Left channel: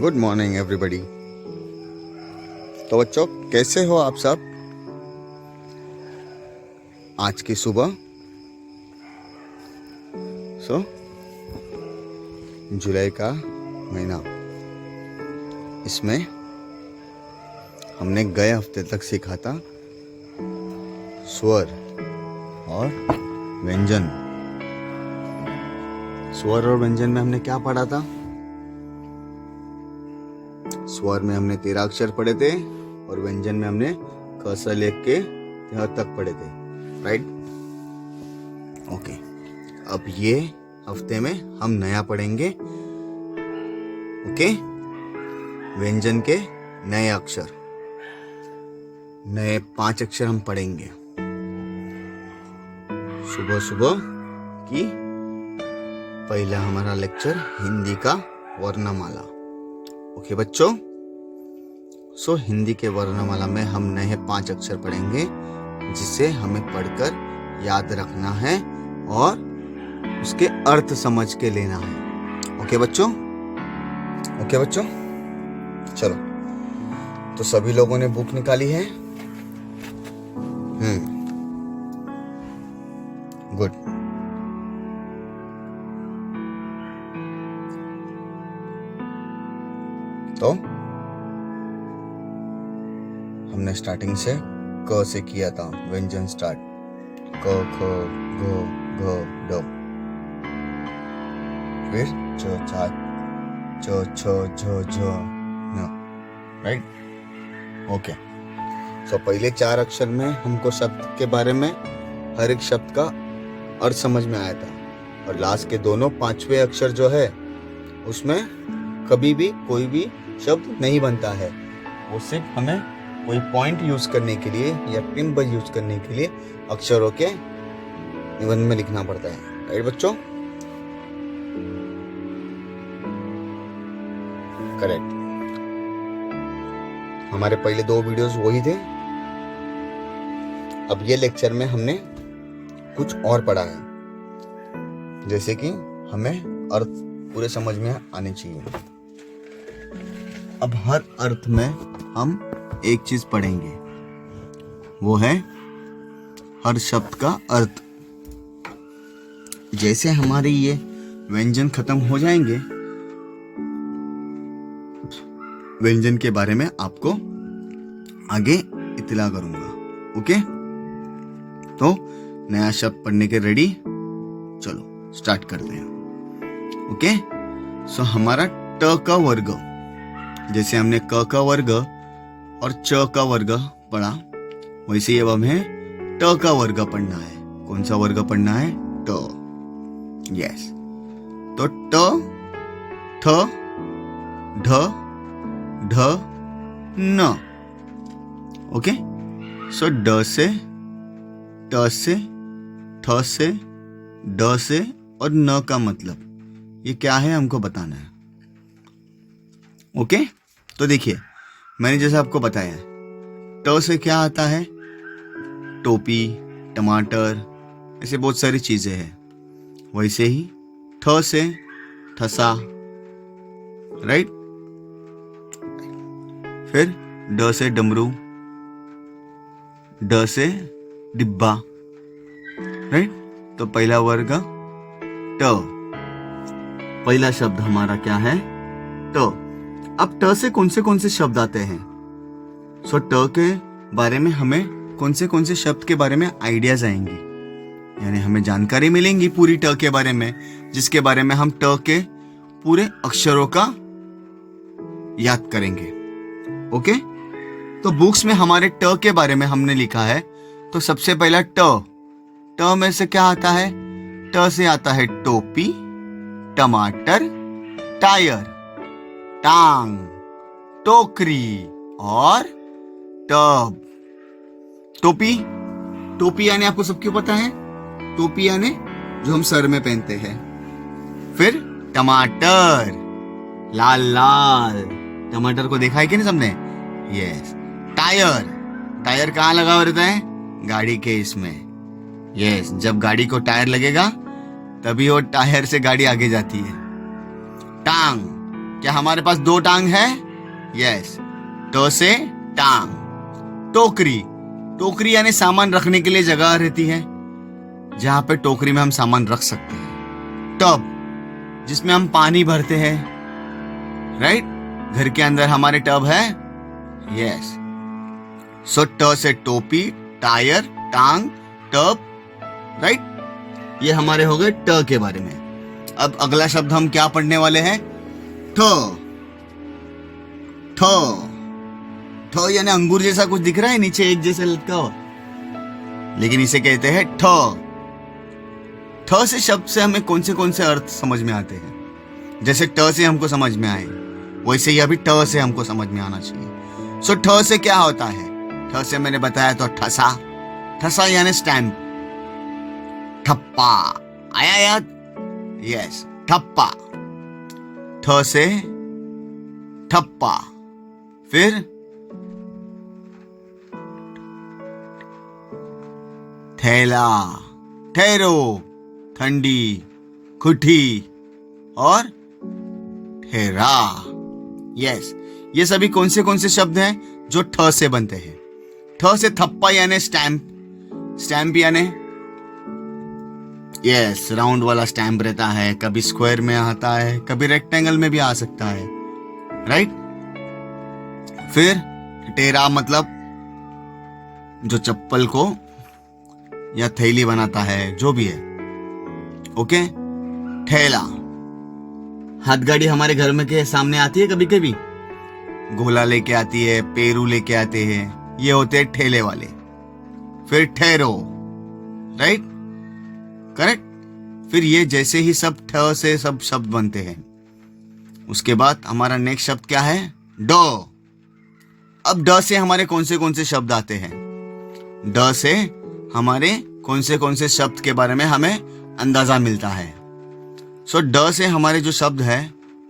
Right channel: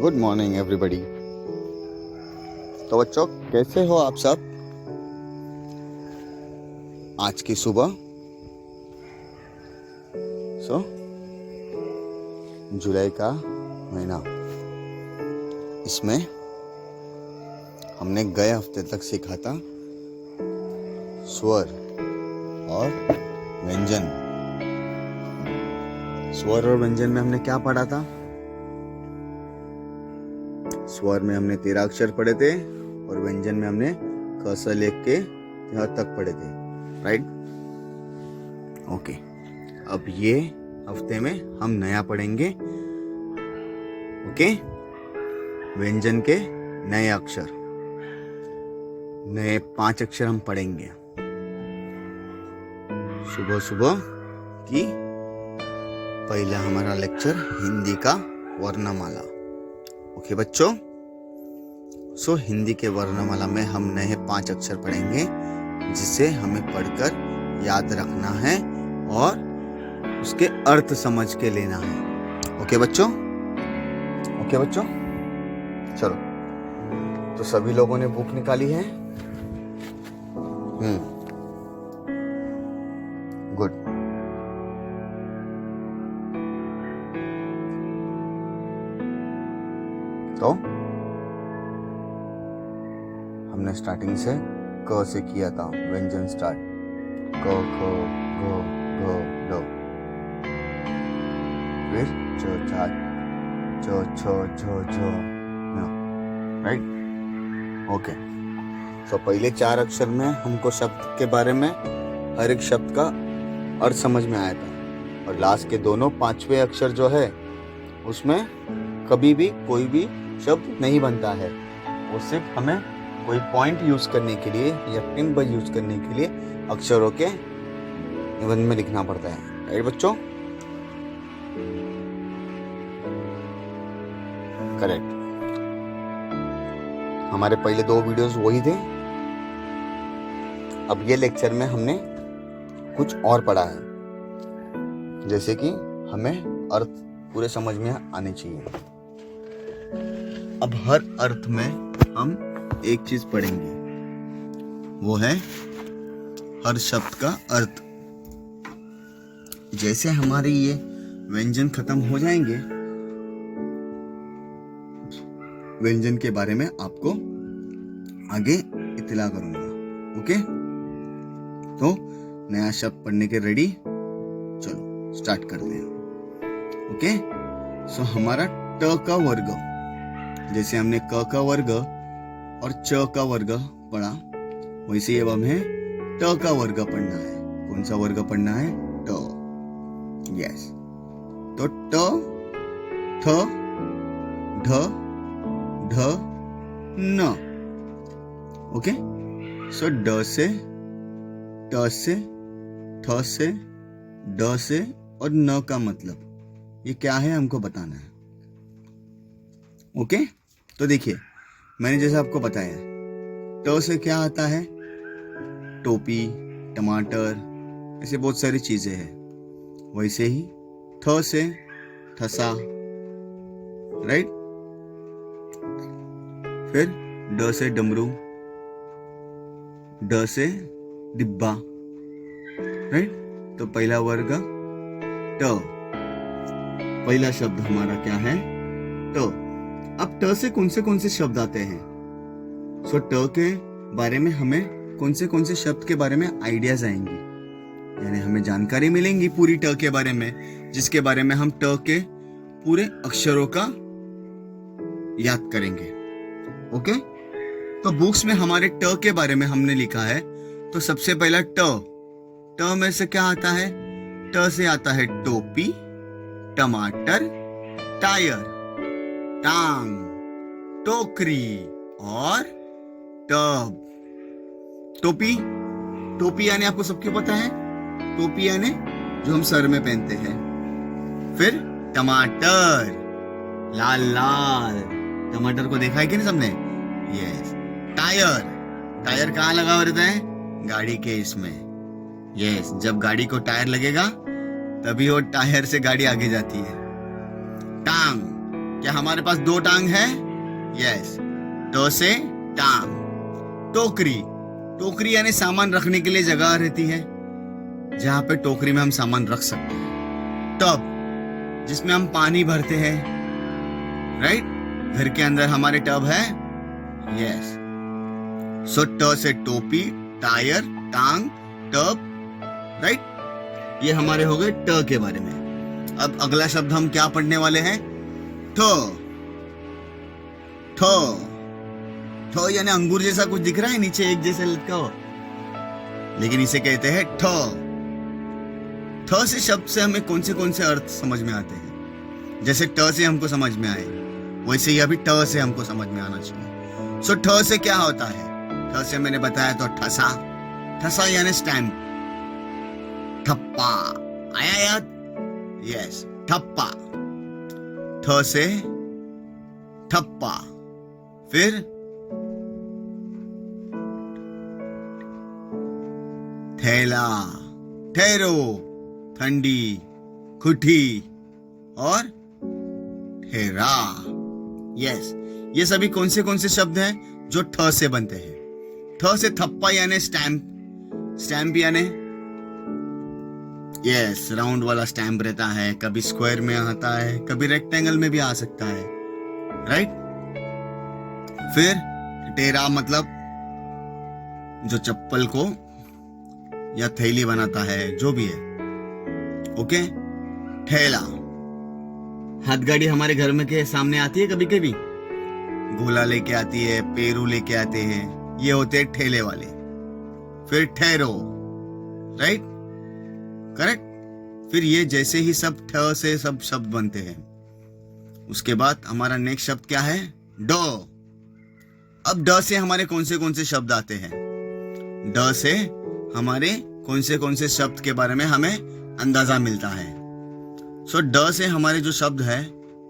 Good morning everybody. तो बच्चों, कैसे हो आप सब? आज की सुबह जुलाई का महीना, इसमें हमने गए हफ्ते तक सीखा था स्वर और व्यंजन। स्वर और व्यंजन में हमने क्या पढ़ा था? स्वर में हमने 13 अक्षर पढ़े थे और व्यंजन में हमने क से लेके य तक पढ़े थे, राइट? ओके, अब ये हफ्ते में हम नया पढ़ेंगे। ओके, व्यंजन के नए अक्षर, नए 5 अक्षर हम पढ़ेंगे सुबह सुबह की। पहला हमारा लेक्चर हिंदी का वर्णमाला। ओके बच्चों, हिंदी के वर्णमाला में हम नए 5 अक्षर पढ़ेंगे जिसे हमें पढ़कर याद रखना है और उसके अर्थ समझ के लेना है। ओके बच्चों? ओके बच्चों, चलो। तो सभी लोगों ने बुक निकाली है? गुड। तो हमने स्टार्टिंग से क से किया था, व्यंजन स्टार्ट। क, ख, ग, घ, ड। फिर च, चा, च, छ, झ, झ, न। राइट? ओके। तो पहले 4 अक्षर में हमको शब्द के बारे में, हर एक शब्द का अर्थ समझ में आया था। और लास्ट के दोनों 5वें अक्षर जो है उसमें कभी भी कोई भी शब्द नहीं बनता है। वो सिर्फ हमें कोई पॉइंट यूज करने के लिए या टिम्बर यूज करने के लिए अक्षरों के निबंध में लिखना पड़ता है। राइट बच्चों? करेक्ट। हमारे पहले 2 वीडियोस वही थे। अब ये लेक्चर में हमने कुछ और पढ़ा है, जैसे कि हमें अर्थ पूरे समझ में आने चाहिए। अब हर अर्थ में हम एक चीज पढ़ेंगे, वो है हर शब्द का अर्थ। जैसे हमारे ये व्यंजन खत्म हो जाएंगे, व्यंजन के बारे में आपको आगे इत्तला करूंगा। ओके? तो नया शब्द पढ़ने के रेडी? चलो स्टार्ट करते हैं। ओके? हमारा ट का वर्ग, जैसे हमने क का वर्ग और च का वर्ग पढ़ा, वैसे अब हमें ट का वर्ग पढ़ना है। कौन सा वर्ग पढ़ना है? ट। यस। तो ट, थ, ढ, ढ, न। ओके? ड से, ट से, थ से, ड से और न का मतलब ये क्या है हमको बताना है। ओके? तो देखिए, मैंने जैसे आपको बताया, ट से क्या आता है? टोपी, टमाटर, ऐसे बहुत सारी चीजें हैं। वैसे ही थ से ठसा, राइट? फिर ड से डमरू, ड से डिब्बा, राइट? तो पहला वर्ग ट, पहला शब्द हमारा क्या है? ट। अब ट से कौन से शब्द आते हैं? ट के बारे में हमें कौन से शब्द के बारे में आइडियाज आएंगी, यानी हमें जानकारी मिलेंगी पूरी ट के बारे में, जिसके बारे में हम ट के पूरे अक्षरों का याद करेंगे। ओके? तो बुक्स में हमारे ट के बारे में हमने लिखा है। तो सबसे पहला ट में से क्या आता है? ट से आता है टोपी, टमाटर, टायर, टांग, टोकरी और टब। टोपी, टोपी यानी आपको सबको पता है, टोपी यानी जो हम सर में पहनते हैं। फिर टमाटर, लाल लाल टमाटर को देखा है कि नहीं सबने? यस। टायर, टायर कहाँ लगा हुआ रहता है? गाड़ी के इसमें। यस, जब गाड़ी को टायर लगेगा तभी वो टायर से गाड़ी आगे जाती है। टांग, क्या हमारे पास 2 टांग है? यस, ट से टांग। टोकरी, टोकरी यानी सामान रखने के लिए जगह रहती है, जहां पे टोकरी में हम सामान रख सकते हैं। टब, जिसमें हम पानी भरते हैं, राइट? घर के अंदर हमारे टब है। यस, सो ट से टोपी, टायर, टांग, टब, राइट? ये हमारे हो गए ट के बारे में। अब अगला शब्द हम क्या पढ़ने वाले हैं? ठ। ठ, ठ यानी अंगूर जैसा कुछ दिख रहा है नीचे एक जैसा लटका हो, लेकिन इसे कहते हैं ठ। ठ से शब्द से हमें कौन से अर्थ समझ में आते हैं? जैसे ट से हमको समझ में आए, वैसे ही अभी ट से हमको समझ में आना चाहिए। सो ठ से क्या होता है? ठ से मैंने बताया तो ठसा, ठसा यानी स्टैम्प। ठप्पा, आया याद? यस, ठप्पा। ठ से ठप्पा। फिर थैला, ठहरो, ठंडी, खुठी और ठहरा। यस, ये सभी कौन से शब्द हैं जो ठ से बनते हैं? ठ से थप्पा यानी स्टैम्प, स्टैम्प यानी यस राउंड वाला स्टैम्प रहता है, कभी स्क्वायर में आता है, कभी रेक्टेंगल में भी आ सकता है, राइट? फिर टेरा मतलब जो चप्पल को या थैली बनाता है, जो भी है। ओके, ठेला, हाथ गाड़ी हमारे घर में के सामने आती है कभी कभी, गोला लेके आती है, पेरू लेके आते हैं, ये होते हैं ठेले वाले। फिर ठहरो, राइट, करेक्ट। फिर ये जैसे ही सब ठ से सब शब्द बनते हैं। उसके बाद हमारा नेक्स्ट शब्द क्या है? ड। अब ड से हमारे कौन से शब्द आते हैं? ड से हमारे कौन से शब्द के बारे में हमें अंदाजा मिलता है। सो ड से हमारे जो शब्द है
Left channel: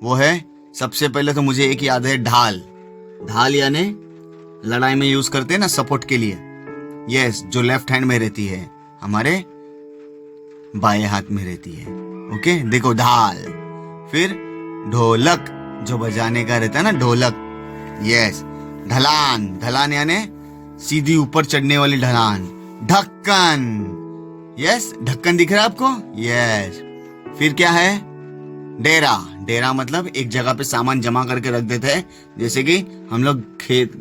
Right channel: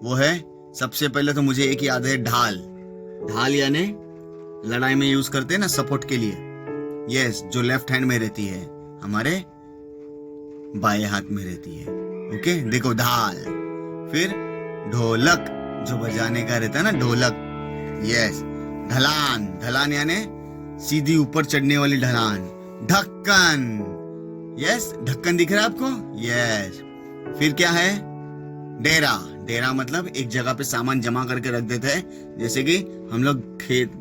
वो है, सबसे पहले तो मुझे एक याद है, ढाल। ढाल यानी लड़ाई में यूज करते हैं ना, सपोर्ट के लिए। यस, जो लेफ्ट हैंड में रहती है, हमारे बाएं हाथ में रहती है। ओके, देखो ढाल। फिर ढोलक, जो बजाने का रहता है ना, ढोलक। यस, ढलान, ढलान यानी सीधी ऊपर चढ़ने वाली ढलान। ढक्कन, यस, ढक्कन दिख रहा है आपको? यस। फिर क्या है? डेरा। डेरा मतलब एक जगह पे सामान जमा करके रख देते हैं, जैसे कि हम लोग खेत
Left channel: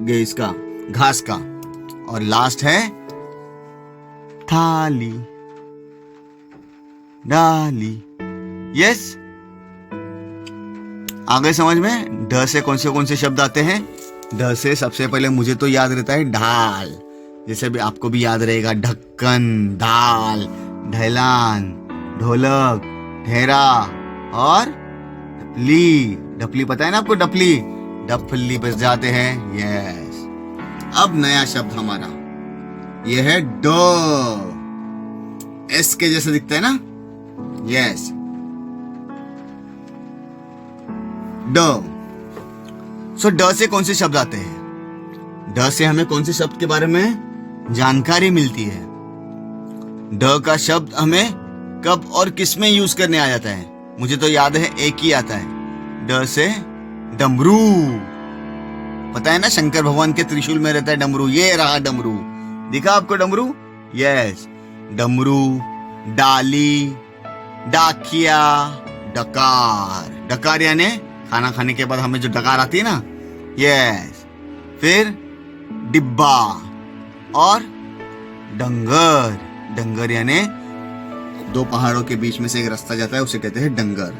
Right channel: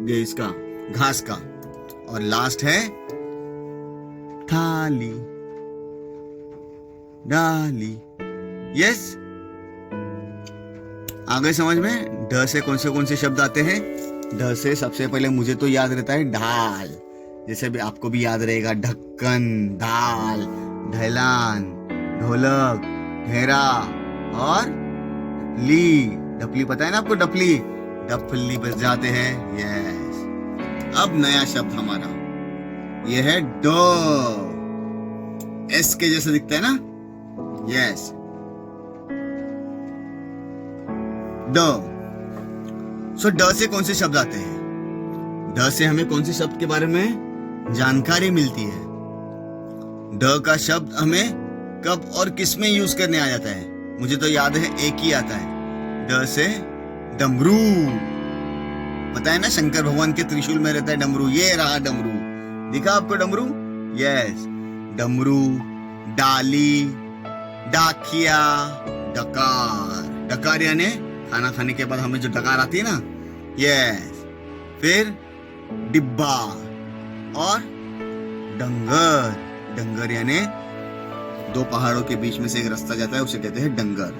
गए इसका घास का। और लास्ट है थाली, डाली। यस, आगे समझ में? ढ से कौन से शब्द आते हैं? ढ से सबसे पहले मुझे तो याद रहता है ढाल, जैसे भी आपको भी याद रहेगा, ढक्कन, ढाल, ढलान, ढोलक, ठेरा और डपली। डपली पता है ना आपको? डपली, डपली बज जाते हैं। यस। अब नया शब्द हमारा ये है ड। एस के जैसे दिखता है ना? यस, ड। सो ड से कौन से शब्द आते हैं? ड से हमें कौन से शब्द के बारे में जानकारी मिलती है? ड का शब्द हमें कब और किस में यूज करने आ जाता है? मुझे तो याद है एक ही आता है, ड से डमरू। पता है ना, शंकर भगवान के त्रिशूल में रहता है डमरू। ये रहा डमरू, दिखा आपको डमरू? यस, डमरू, डाली, डाकिया, डकार। डकार यानी खाना खाने के बाद हमें जो डकार आती है ना, यस। फिर डिब्बा और डंगर। डंगर यानी दो पहाड़ों के बीच में से एक रास्ता जाता है, उसे कहते हैं डंगर।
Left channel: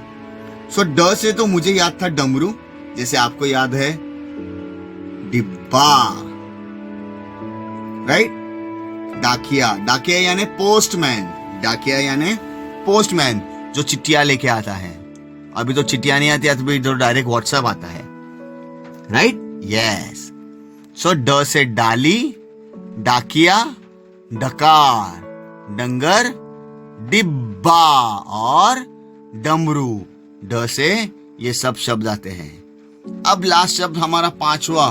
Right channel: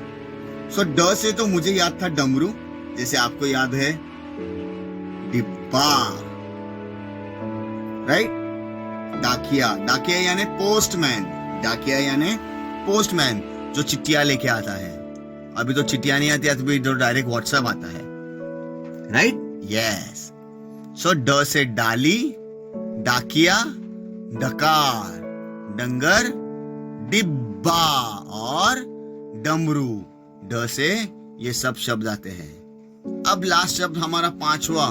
सो ड से तो मुझे याद था डमरू, जैसे आपको याद है डिब्बा, राइट। डाकिया, डाकिया यानी पोस्टमैन। डाकिया यानी पोस्टमैन, जो चिट्ठियां लेके आता है। अभी तो चिट्ठियां नहीं आती, अभी तो डायरेक्ट व्हाट्सएप आता है, राइट। यस। सो ड से डाली, डाकिया, डकार, डंगर, डिब्बा और डमरू। ड से ये सब शब्द आते हैं। अब लास्ट शब्द हमारा पांचवा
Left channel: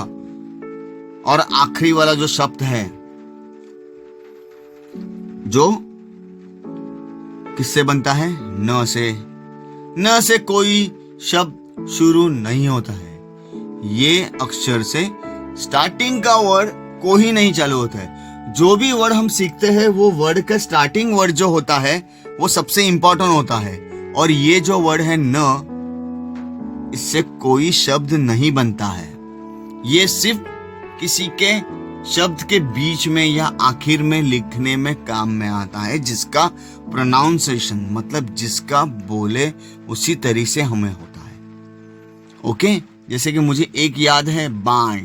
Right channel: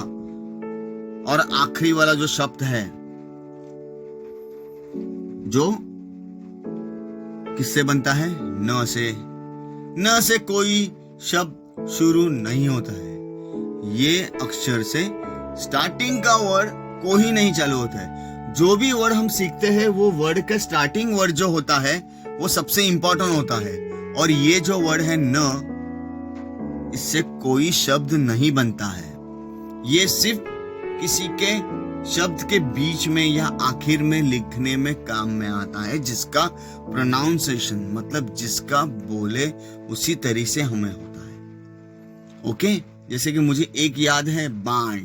और आखिरी वाला जो शब्द है, जो किससे बनता है? न से। न से कोई शब्द शुरू नहीं होता है। ये अक्षर से स्टार्टिंग का वर्ड कोई नहीं चालू होता है। जो भी वर्ड हम सीखते हैं वो वर्ड का स्टार्टिंग वर्ड जो होता है वो सबसे इंपॉर्टेंट होता है। और ये जो वर्ड है न, इससे कोई शब्द नहीं बनता है। ये सिर्फ किसी के शब्द के बीच में या आखिर में लिखने में काम में आता है, जिसका प्रोनाउंसिएशन मतलब जिसका बोले उसी तरीके से हमें होता है। ओके, जैसे कि मुझे एक याद है बाण,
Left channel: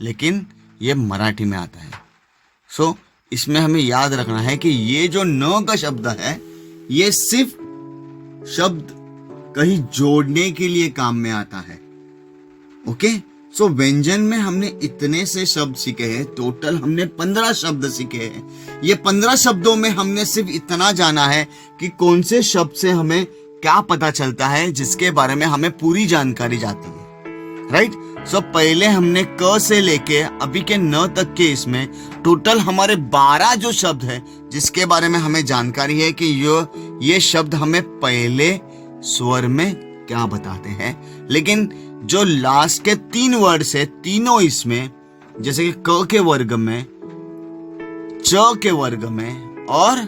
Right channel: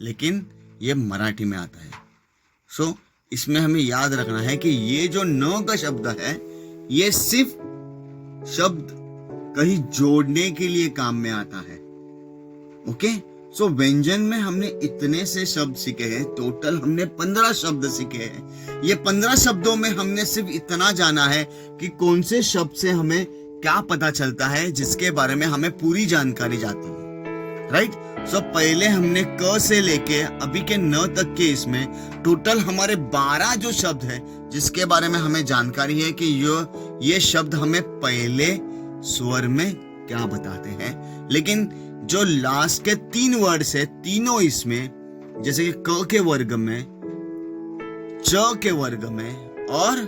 लेकिन ये मराठी में आता है। सो इसमें हमें याद रखना है कि ये जो न का शब्द है ये सिर्फ शब्द कहीं जोड़ने के लिए काम में आता है। ओके, सो व्यंजन में हमने इतने से शब्द सीखे हैं। टोटल हमने 15 शब्द सीखे हैं। ये 15 शब्दों में हमने सिर्फ इतना जाना है कि कौन से शब्द से हमें क्या पता चलता है, जिसके बारे में हमें पूरी जानकारी जाती है। राइट, सो पहले हमने क से लेके अभी के न तक के इसमें टोटल हमारे 12 जो शब्द है जिसके बारे में हमें जानकारी है कि ये शब्द हमें पहले स्वर में क्या बताते हैं। लेकिन जो लास्ट के 3 वर्ड है तीनों इसमें, जैसे कि क के वर्ग में, च के वर्ग में और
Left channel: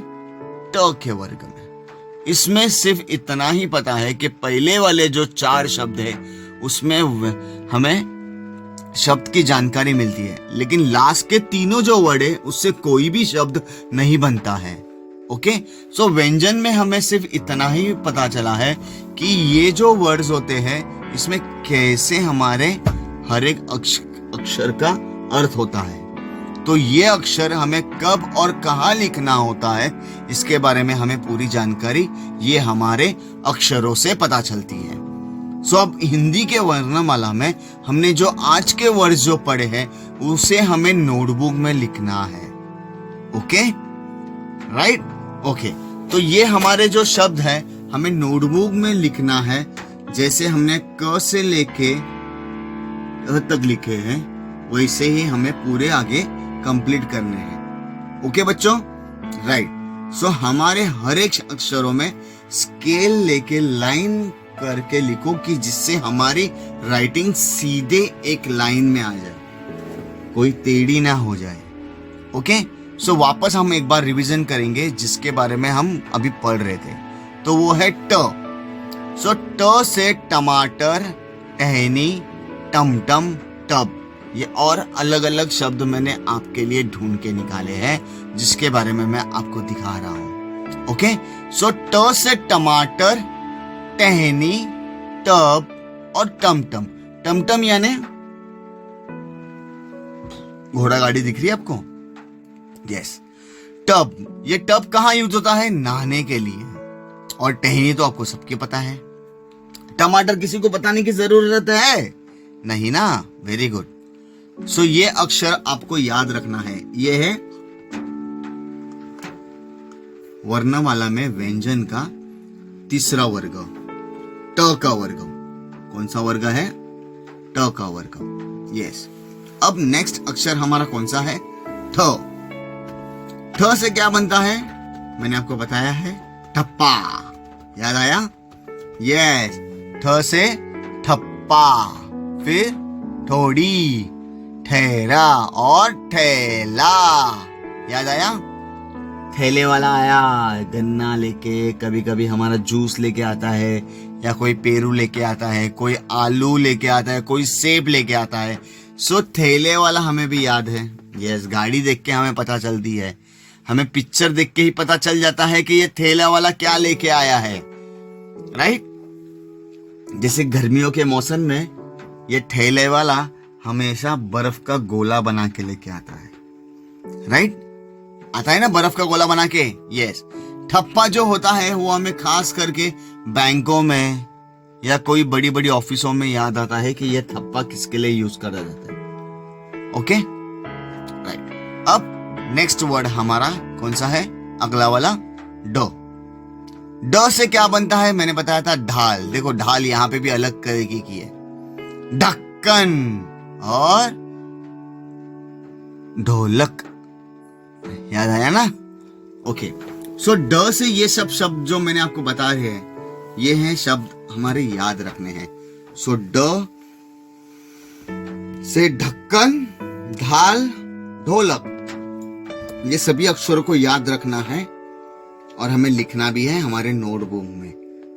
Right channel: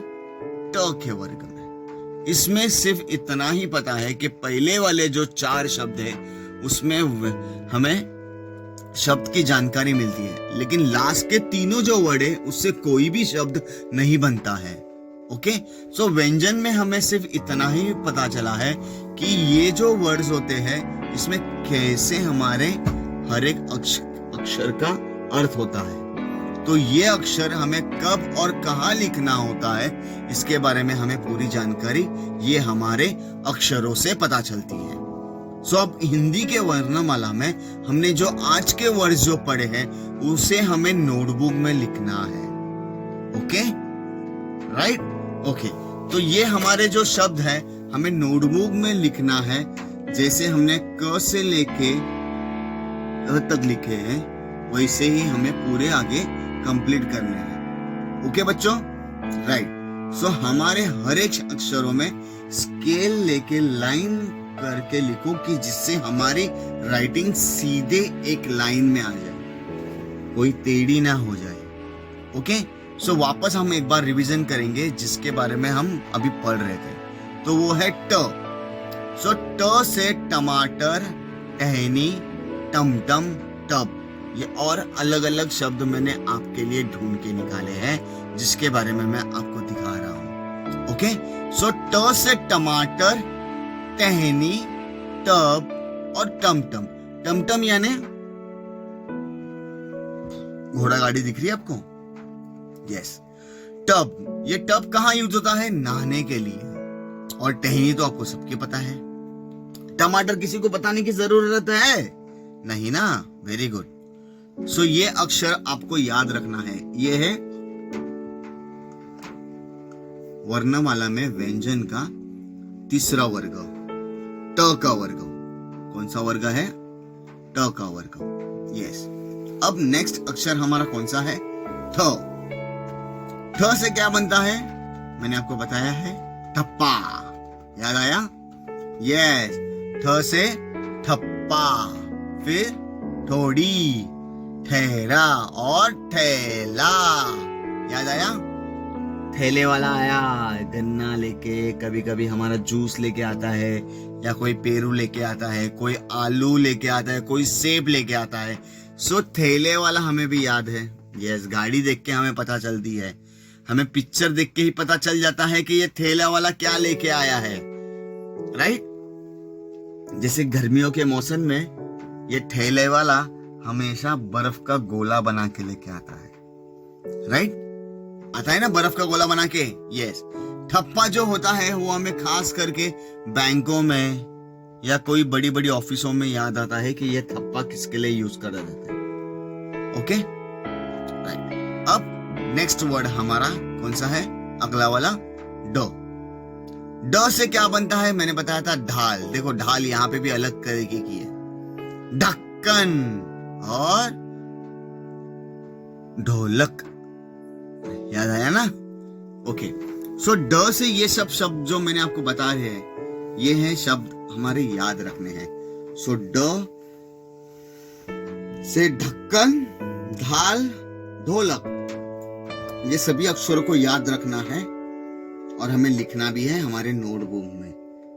ट के वर्ग में, इसमें सिर्फ इतना ही पता है कि पहले वाले जो 4 शब्द है उसमें हमें शब्द की जानकारी मिलती है, लेकिन लास्ट के तीनों जो वर्ड है उससे कोई भी शब्द नहीं बनता है। ओके, सो व्यंजन में हमें सिर्फ इतना ही पता चला है कि ये जो वर्ड्स होते हैं इसमें कैसे हमारे हर एक अक्षर का अर्थ होता है। तो ये अक्षर हमें कब और कहाँ लिखना होता है इसके बारे में हमें पूरी जानकारी ये हमारे अक्षरों से पता चलती है। सो अब हिंदी के वर्णमाला में हमने जो आज के वर्ड जो पढ़े हैं उसे हमें नोटबुक में लिखना है। ओके, राइट, ओके, तो ये हमारे जो शब्द है हमें नोटबुक में लिखना है। जैसे हमने क से लेके अ तक लिखे हैं वैसे ही हमें पूरे आगे कंप्लीट करने हैं। ओके बच्चों, राइट, सो हमारे हर एक अक्षरों में स्केल लेके लाइन करके लिखो कि जिससे हमारी राइटिंग सीधे एक लाइन में आ जाए, कोई टेढ़ी ना हो जाए। ओके, सो वापस हम एक बार रिवीजन करेंगे जिसके बारे में हम अभी पढ़ रहे थे। तो वो है ट। सो ट से टमाटर, टहनी, टमटम, टब, ये और अलग अलग शब्द मैंने आपके लिए ढूंढ के निकाले हैं जिसके बारे में मैं आपको दिखा रहा हूं। ओके, सो ट से टमाटर, टहनी, टब और टमटम। टमटम यानी घोड़ा गाड़ी दिख रही है आपको? यस, टब, ये टब कहाँ यूज होता है? नहाने के लिए। और टहनी तो आपको सबके पता है। टमाटर किसी को बताने की जरूरत है नहीं ना? Very good. सो ये अक्षर आपको याद रखना है। ये है वर्णमाला में व्यंजन का तीसरा वर्ग, ट का वर्ग। कौन सा वर्ग है? ट का वर्ग। यस, अब नेक्स्ट अक्षर हमारा कौन सा है? थ। ठ से क्या बनता है मैंने आपको बताया है, ठप्पा। याद आया? यस, ठ से ठप्पा, फिर थोड़ी, ठहरा और ठेला। याद आया? ठेले वाला आया गन्ना लेके, कभी कभी हमारा जूस लेके आता है, या कोई पेरू लेके आता है, कोई आलू लेके आता है, कोई सेब लेके आता है। सो ठेले वाला हमें भी याद है। यस, गाड़ी देख के हमें पता चलती है, हमें पिक्चर देख के ही पता चल जाता है कि ये ठेला वाला क्या लेके आया है। राइट, जैसे गर्मियों के मौसम में ये ठेले वाला हमेशा बर्फ का गोला बना के लेके आता है। राइट, आता है ना बर्फ का गोला बना के। यस, ठप्पा जो होता है वो हमें खास करके बैंकों में या कोई बड़ी बड़ी ऑफिसों में याद आता है कि ये ठप्पा किसके लिए यूज करा जाता है। Okay, right. अब नेक्स्ट वर्ड हमारा कौन सा है? अगला वाला ड। ड से क्या बनता है मैंने बताया था, ढाल। देखो ढाल यहाँ पे भी अलग तरीके की है, ढक्कन और ढोलक। याद आया ना? ओके, सो ड से ये सब शब्द जो मैंने आपको बता रहे हैं ये हैं शब्द हमारे याद रखने हैं। सो ड से ढक्कन, ढाल, ढोलक, ये सभी अक्षरों को याद रखना है और हमें लिखना भी है हमारे नोटबुक में।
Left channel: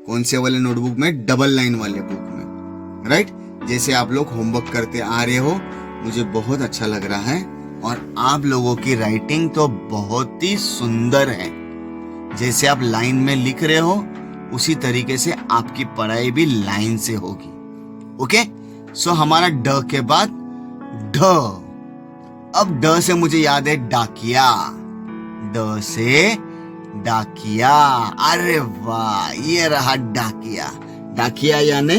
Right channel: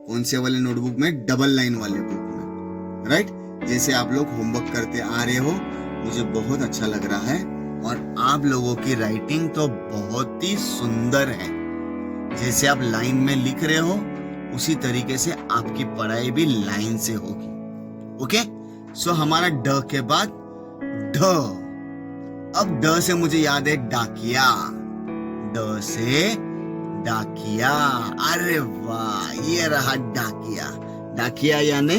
कौन से वाले नोटबुक में? डबल लाइन वाले बुक में, राइट। जैसे आप लोग होमवर्क करते आ रहे हो, मुझे बहुत अच्छा लग रहा है और आप लोगों की राइटिंग तो बहुत ही सुंदर है। जैसे आप लाइन में लिख रहे हो उसी तरीके से आपकी पढ़ाई भी लाइन से होगी। ओके, सो हमारा ड के बाद ढ। अब ड से मुझे याद है डाकिया। ड से डाकिया, अरे वाह, ये रहा डाकिया। डाकिया यानी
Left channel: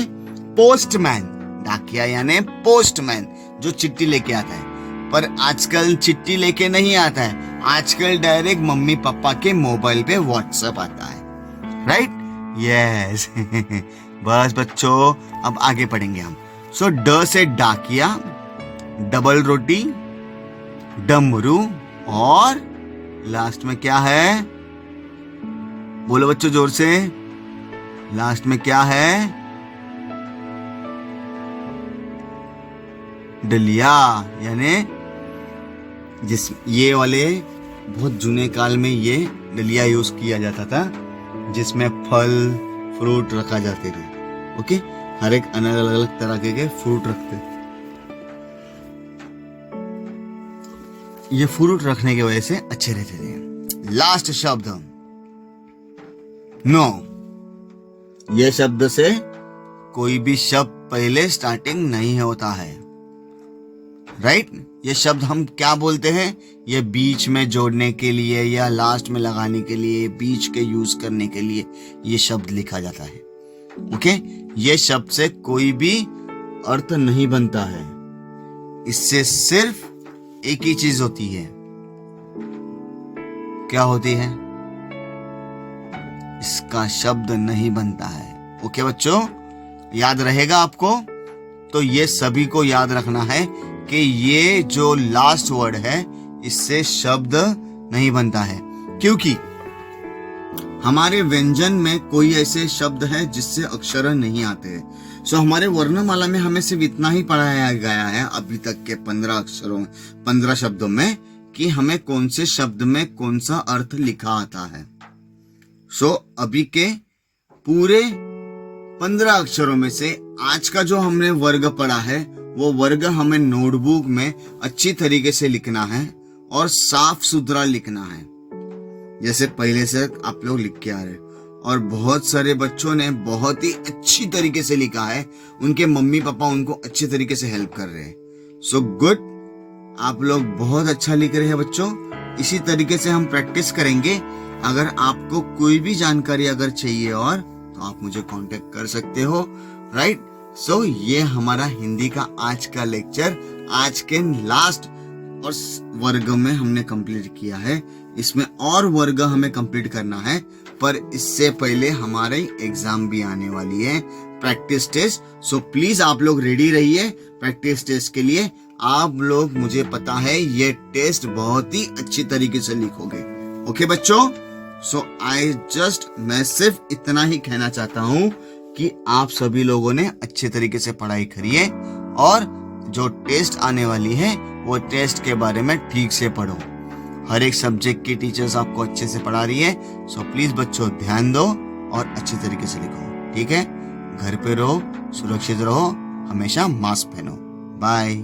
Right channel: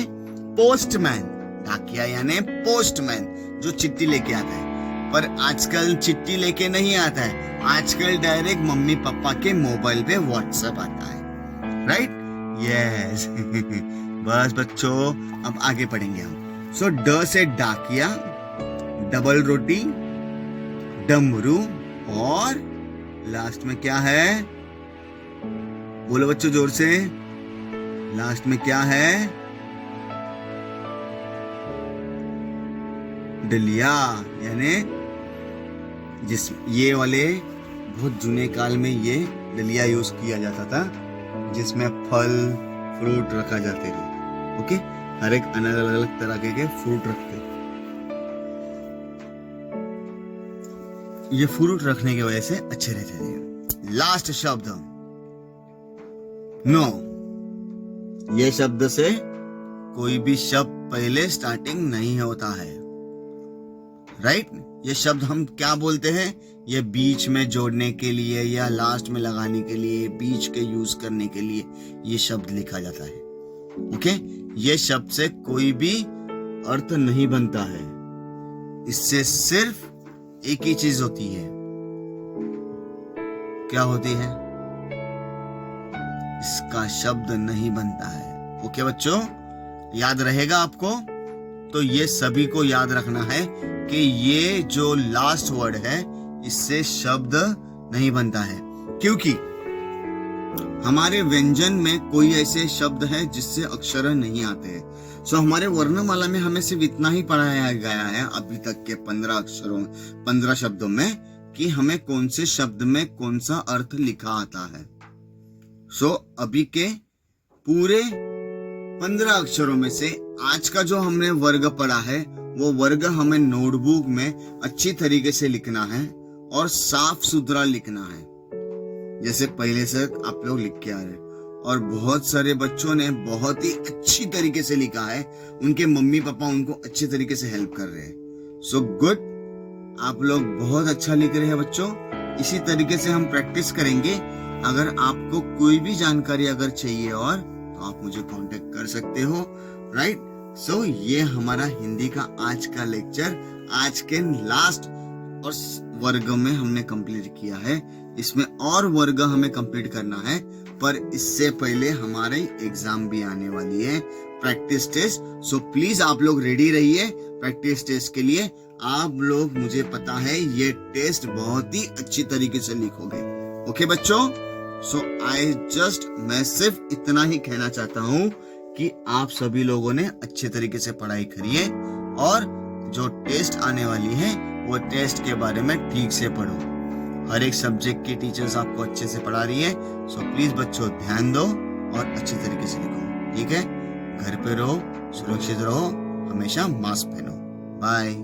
पोस्टमैन। डाकिया यानी पोस्टमैन, जो चिट्ठी लेके आता है। पर आजकल चिट्ठी लेके नहीं आता है, आजकल डायरेक्ट मम्मी पापा के मोबाइल पे व्हाट्सएप आता है, राइट? यस। बस बच्चों, अब आगे पढ़ेंगे हम। सो ड से डाकिया, डबल रोटी, डमरू और लास्ट में क्या है? बोलो बच्चों जोर से, लास्ट में क्या है? डलिया, यानी ये वाले बहुत जूने काल में ये डलिया यूज किया जाता था, जिसमें फल फ्रूट रखा जाते थे। ओके, हर एक अलग अलग तरह के फ्रूट रखते। ये फ्रूट रखने की वजह से अच्छे रहते थे। लास्ट शब्द नो। ये शब्द से कोई भी शब्द पहले स्टार्टिंग नहीं होता है, राइट? ये शब्द हम क्या बोलते हैं? ये बीच में जोड़ने के लिए या लास्ट में लगाने के लिए, बीच के यूज करने के लिए ये शब्द लिखा जाता है। ओके, ये शब्द से कोई भी अर्थ नहीं बनता है। इससे सिर्फ एक ही चीज होती है। क्या होती है? इसका शब्द नहीं बनता है। ओके बच्चों, याद रहेगा आपको? तो ये सभी को याद रखना है कि ये जो लास्ट वर्ड है इससे शब्द नहीं बनता है, क्योंकि हमारे व्यंजन में कोई ऐसे शब्द है जिससे अक्षर नहीं आते हैं। सो हमारे वर्णमाला में हमें सिर्फ इतना ही पढ़ाया गया है अभी तक के 15 शब्दों में कि हमें कौन से शब्द में कौन सा अर्थ लिखा आता है। सो अभी के पूरे 15 अक्षरों में से आज का जो हमने वर्ग पढ़ा है वो वर्ग हमें नोटबुक में अच्छी तरीके से लिखना है और साफ सुथरा लिखना है, जैसे पहले से आप लोग लिख के आ रहे। और बहुत सारे बच्चों ने बहुत ही अच्छी तरीके से लिखा है, उनके मम्मी पापा उनको अच्छे तरीके से हेल्प कर रहे हैं। सो गुड, आप लोग बहुत अच्छा लिख रहे हैं बच्चों। इसी तरीके से हम प्रैक्टिस करेंगे। अगर आपको कोई भी जानकारी अगर चाहिए और तो आप मुझे कांटेक्ट कर सकते हो, राइट? सो ये हमारा हिंदी का आज का लेक्चर आज के लास्ट और वर्ग में हमने कंप्लीट किया है। इसमें और वर्ग हमें कंप्लीट करना है, पर इससे पहले हमारे एग्जाम भी आने वाली है, प्रैक्टिस टेस्ट। सो प्लीज आप लोग रेडी रहिए प्रैक्टिस टेस्ट के लिए। आप लोग, मुझे पता है ये टेस्ट बहुत ही अच्छी तरीके से लिखोगे। ओके बच्चों, सो मैं सिर्फ इतना ही कहना चाहता हूँ कि आप सभी लोगों ने अच्छे तरीके से पढ़ाई करिए और जो टेस्ट आने वाली है वो टेस्ट के बारे में ठीक से पढ़ो। हर एक सब्जेक्ट की टीचर्स आपको अच्छे से पढ़ा रही है। सो प्लीज बच्चों ध्यान दो और अच्छी तरीके से लिखो, ठीक है? घर पे रहो, सुरक्षित रहो, हमेशा मास्क पहनो। बाय।